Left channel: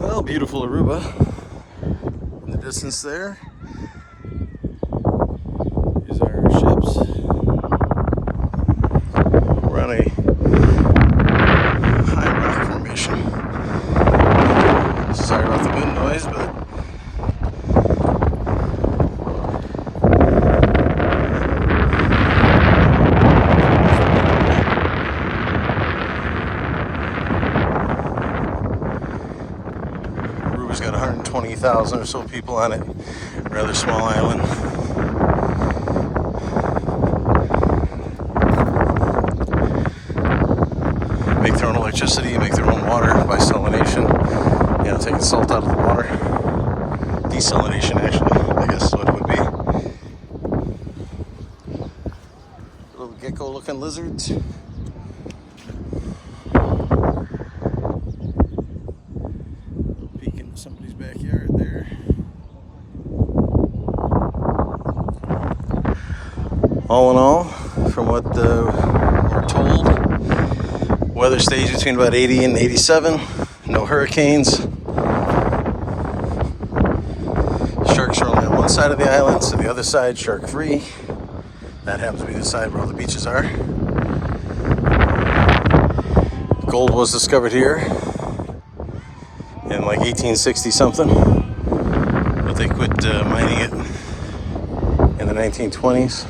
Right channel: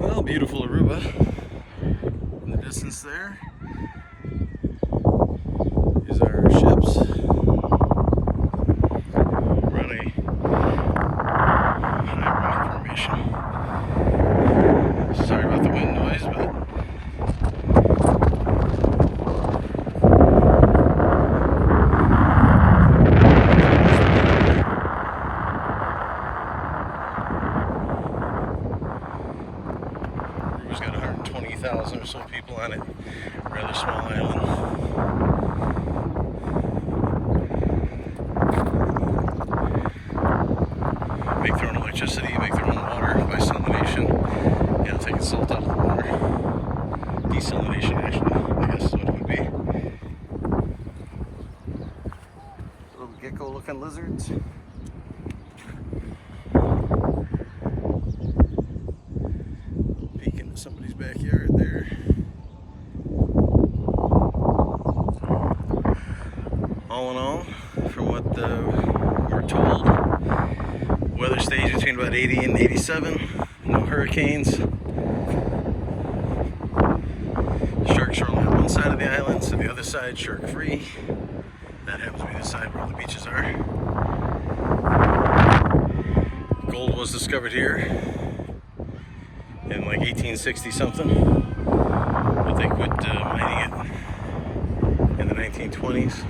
Well, beautiful Aruba in the distance there. These are our ships. We're on a high rock formation. Sorry about the wind noise, but Aruba's got 120,000 or so people on it. Rather small island. Make their own electricity, make their own water by salination. You know, taking salt out of the water. Desalination, actually, I guess is what it would be. Little gecko-looking lizards. Peek into somebody's backyard there. All in all, from what we're told, weather stays between about 80 and 87. No hurricanes. Sharks are only on one side of the island, so the other side shark free. That happens to be the side where all the beaches are. Gold was discovered here in like 1860 something, but they quit mining it in the 1920s.